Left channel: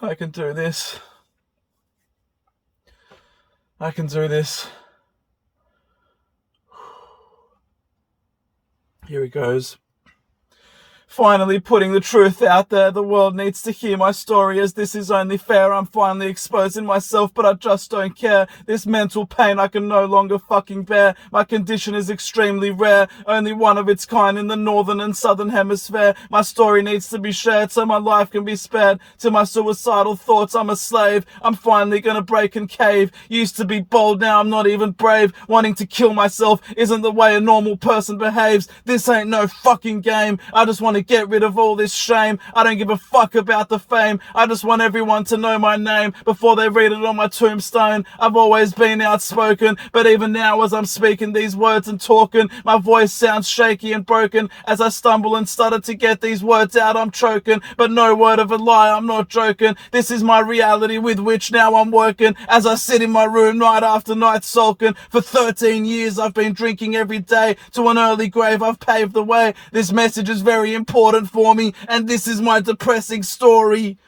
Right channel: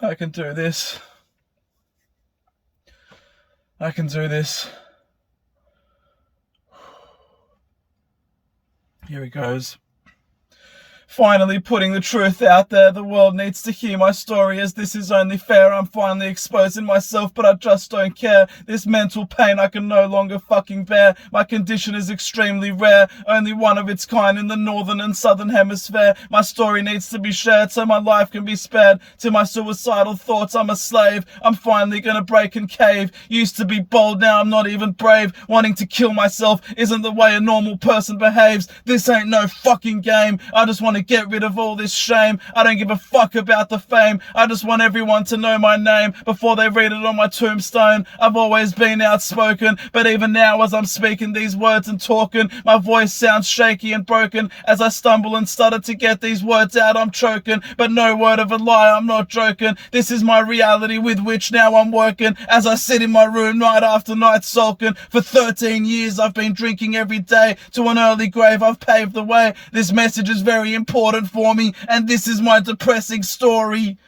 I can do this. I can do this. Here it goes. Finally putting the truth out there. The world needs to hear my story, as this is only fair. I'm finally exposing myself, but I just don't care. This mental pain I can no longer fucking bear. My condition is extremely rare, only one of its kind in the northern and southern hemisphere. My story needs to be shared so my life can be spared. To my suicidal thoughts, I'm a slave. I'm finally gonna break and cave. Used to be bold, now I'm not even brave. Wanting to kill myself isn't the way a normal person behaves. This ain't no fucking game. I just want to get rid of all this shame. I don't give a fuck about the fame. I just want everyone to know my name before they read it on my tombstone. I've always been outspoken, but even now as I'm speaking these words and talking, my voice sounds shaky and broken. As I stumble and stutter to get these words out, I'm choking, but no word of a lie, I'm not joking. This is my reality with which now I'm working. As I sit in my room night after night sulking. For 13 years I've been drinking every day. To an early grave I've paved the way. This message is very important for me, and this is my depressing story.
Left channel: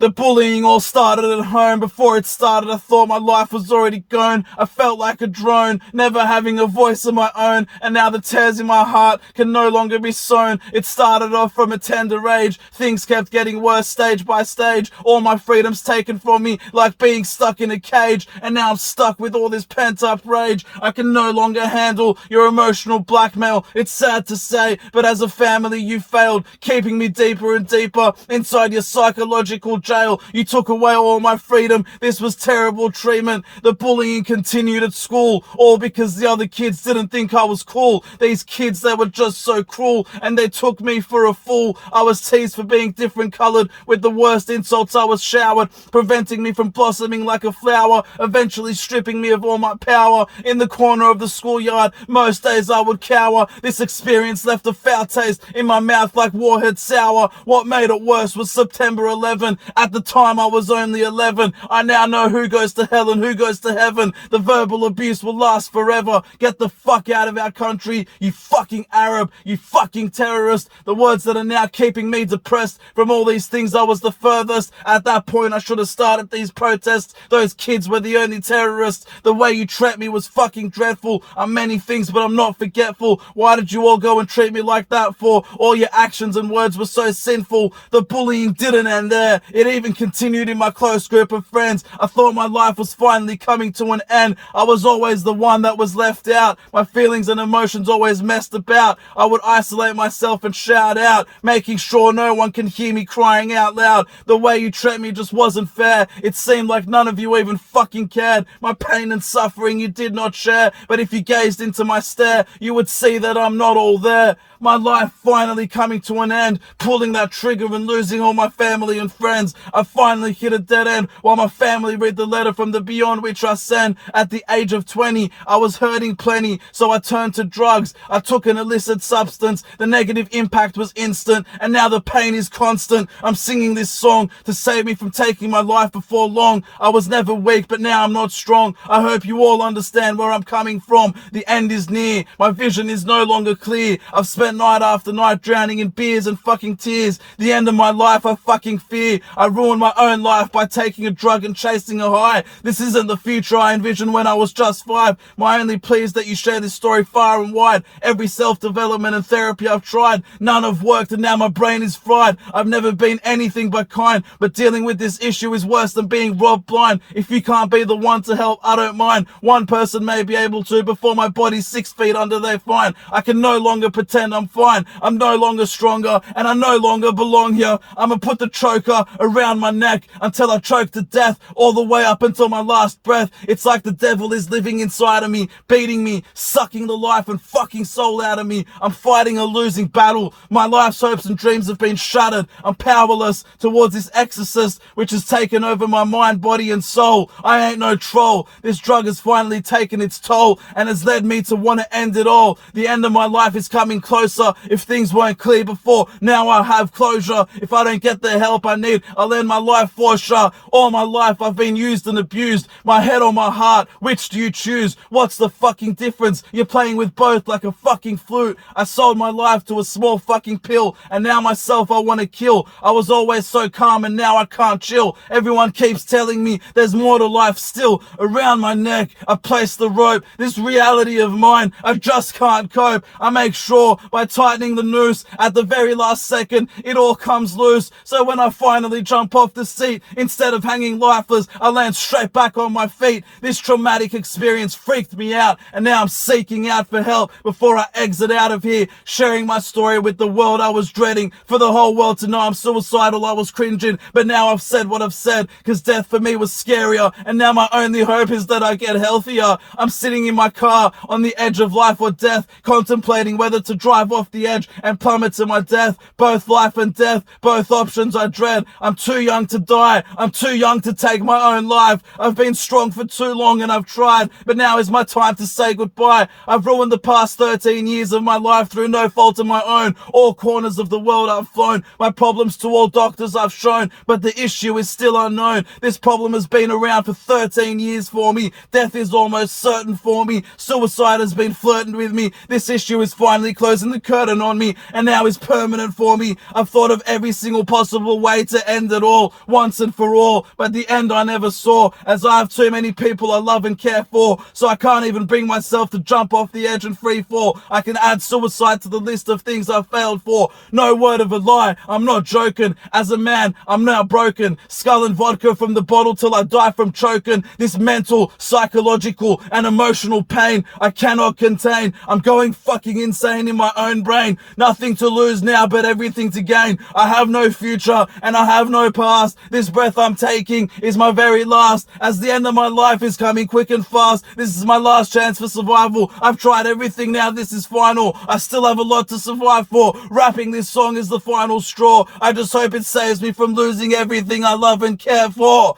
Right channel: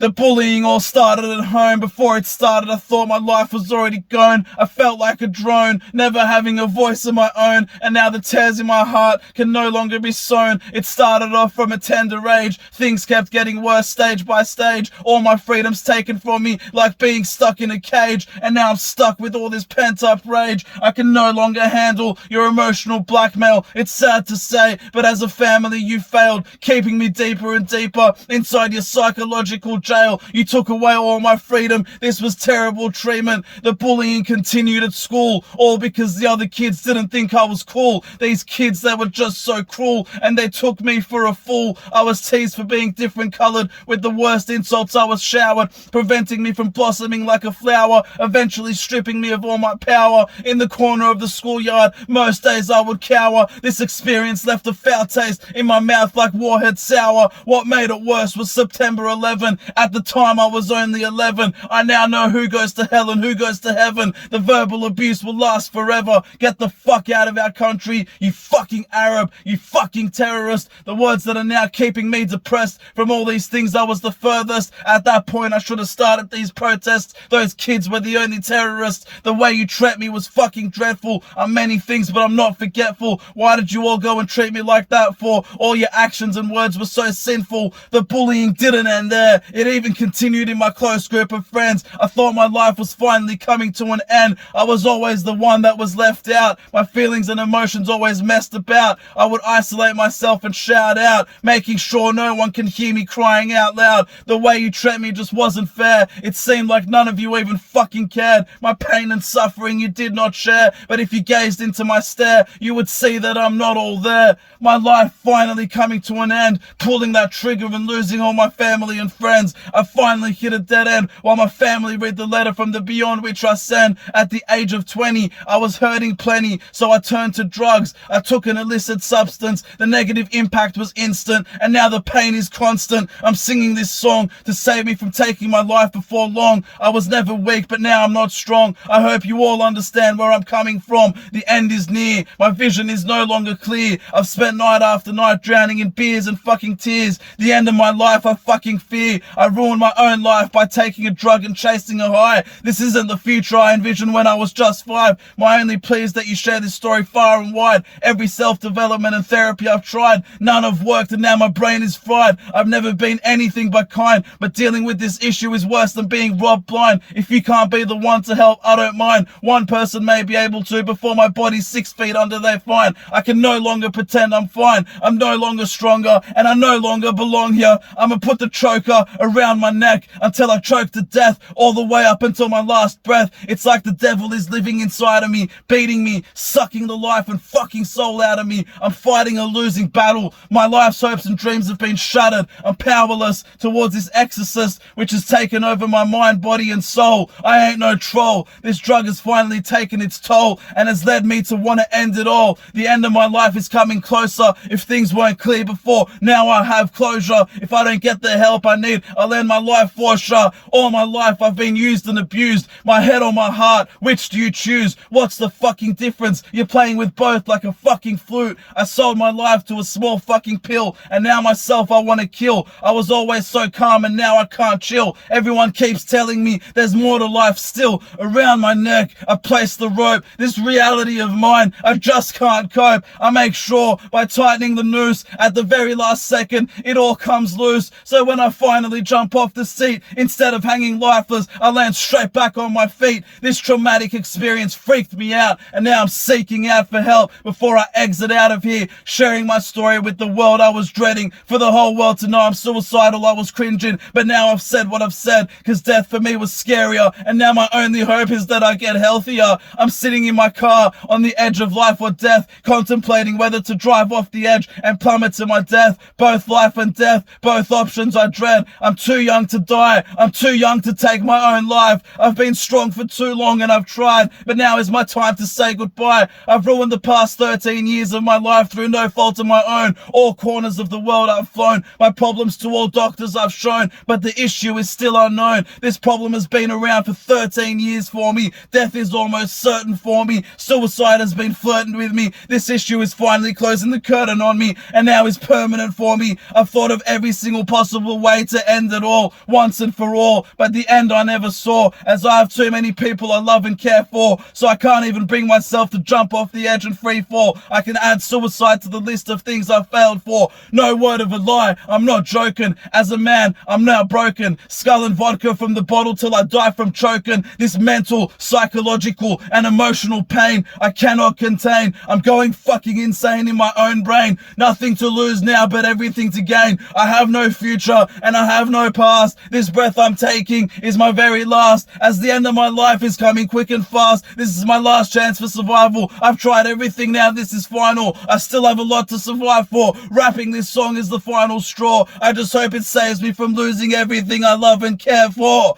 The bullying all started at home. Before it started, I thought my life was already gone. I felt like a drone, never having a voice of my own. And now the tears in my heart can no longer be sown. It started off from a tender age. Things kept getting worse stage by stage. All my freedom's taken from me, like being stuck in a cage. And now I'm stuck with all this pent-up rage. I can no longer handle your emotional blackmail. It's sad to say, but as a family you failed, keeping me deeper and deeper inside your psychological jail. You took away all my freedom. This was terrible treatment. The bullying continued at school, all because the other kids didn't think I was cool. These kids, they were just so cruel, and they took me for a fool. I was teased for being different colored. With the worst insults I was showered, preventing me from blossoming like a flower, eventually stripping me of all my power. In the corner of the schoolyard, most days I would cower. This experience left a foul taste in my mouth like Warhead sour. What made it worse was September 11. At the time I was only 11. I now know who goes to hell and who goes to heaven. The verbal abuse will last forever. Get the fuck out of our country, you fucking Arab, you fucking terrorist. The words that are now keeping me depressed. From all these things I was the furthest. At that point I should have started these protests. Those kids were the only terrorists. The way you treat me was fucking dreadful. I'm many things but I'm not forgetful. Why did you all go and treat me like that for? All your actions and words were so sinful. The bullying didn't end there. It even continued in my close group of friends. I thought my life was finally coming to an end. I was always the one that was left out. My feelings and emotions always messed about. I would isolate myself and shout out, making sure no one can hear me crying out loud. The way you treat me just wasn't fair. It seemed like none of you even fucking cared. My pain and suffering you did not share. But if you gazed into my stare, you would see that I'm not all there. My life finally coming to an end, pulling that trigger and losing all my family and friends. I finally hit a dead end while my family read the letter from the beyond which I send. At the age of 20, I was hurting plenty, so I turned to drugs. I took an illicit substance. The negative impact was instant, and now the pain is constant. I'm singing this song to save me from taking my life before long. I was never weak, but now I'm not strong. I hope you all understand where I'm coming from. The end is near. My vision is no longer clear. I've spent night after night drowning in beers and fucking tears. The end of my life I fucking fear. I ruined my own life by taking a drug and chasing a high. This isn't the future I envisioned when I was just 5. My only plea is that you share this story far and wide. Every self-development and therapy I've tried, none have worked, and now my brain is fried. I've never been anything but kind, but dealing with this issue is worse than being robbed blind. If you can't be the one to help, I don't mind. One person may be able to before my body's 6 feet under their fine. I can no longer pretend I'm fine. I'm no longer stronger, and I no longer belong here. I'ma put the choker around my neck until I choke to death, all the way up until my last breath. It's like the devil is living inside of me, beating me, sucking the life and fucking soul out of me. I'm fighting a losing battle. My life's hopes and dreams have been shattered. I'm powerless towards this exorcist which has taken over my mind, body and soul. I ain't no troll. This drug has finally taken its toll and has led me to want to end it all. The end of my life is coming closer. If things weren't clear before, now I have closure. If I don't get the help I need, I'll I'll end my life for sure. All my life I've been used and abused. My head or my heart, which do you choose? What's the fucking difference? You're playing with both like a fucking flute. I sold my life to a small fucking pill, and now myself I want to kill. I was always so calm and now I can't chill. Everyone keeps telling me there's more to life still. Around my neck I place the rope. This reality of mine I just can't cope. I make sure by tightening the noose at the very last second it all comes loose. So when I finally jump off the seat, instead of hanging lifeless, I land straight back on my feet. This traumatic experience freaked me out, and now I'm seeking out for help before I exit out of here, sharing my story with the world I was dreading. For the whole world to know I'm suicidal, I was cringing, but now I've said what I've said, cause death for me was scarier, and now my only hope is that I get healthier. I'm sitting in my car on the edge of life or death, contemplating whether to drive off the edge and plummet to my death. Both life and death, both options I dread. I'm too young to die, I'm too young to take my own life. I've been strong for too long and I've tried, but now is my time to say goodbye. I've ruined the past 13 years of my life through no fault of my own. All corners of the world I've flown, my problems to all doctors I've shown, but the issue is still unknown. This problem has been around for 13 years for me. Death is almost certain for me. Suicide has been flirting with me. This issue is finally closing the curtain on me, and now is permanent for me. I've thought of every single possible way to end it all, once and for all, but the end I never saw, as I have too many people I love and care for, so I can't even bring myself to jump off the edge and free fall. I can add suicide to the list of things I've failed for. No word of a lie, I'm not joking. As a man, I'm now broken. Skull and vodka from the bottle till I die from choking. This mental, psychological, and emotional pain I cannot contain. I'm going fucking insane in my own brain. Nothing to lose now, but everything to gain. I have no future, and I have no past. This breath I'm taking is my very last, as the end of my life is coming quick and fast. This is my last chance for survival. I've tried everything, now this is final. I still have a lot to survive for. Rapping this song is the final straw. I just hope it saves me from losing everything I love and care for.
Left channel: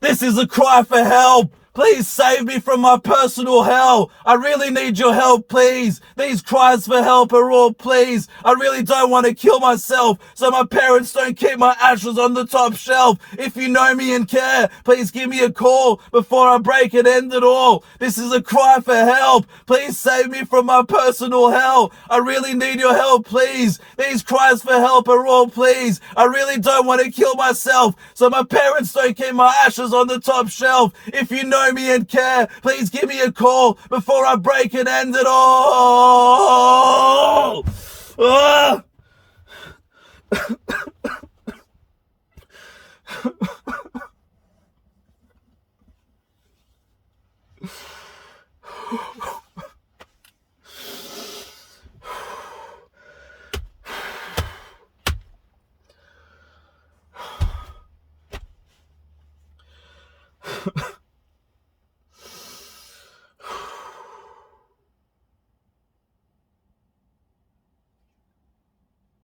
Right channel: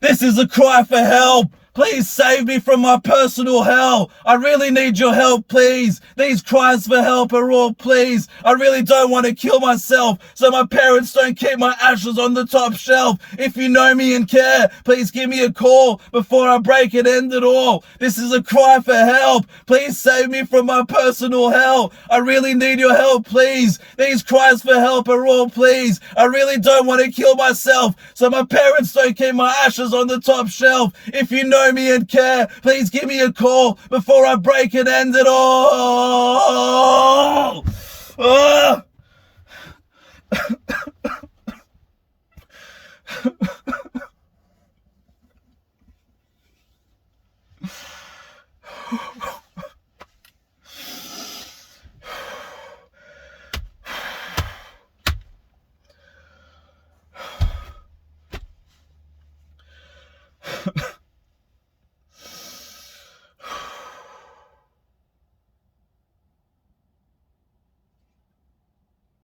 This is a cry for help. Please save me from my personal hell. I really need your help, please. These cries for help are all pleas. I really don't want to kill myself, so my parents don't keep my ashes on the top shelf. If you know me and care, please give me a call before I break and end it all. This is a cry for help. Please save me from my personal hell. I really need your help, please. These cries for help are all pleas. I really don't want to kill myself, so my parents don't keep my ashes on the top shelf. If you know me and care, please give me a call before I break and end it all. Ah.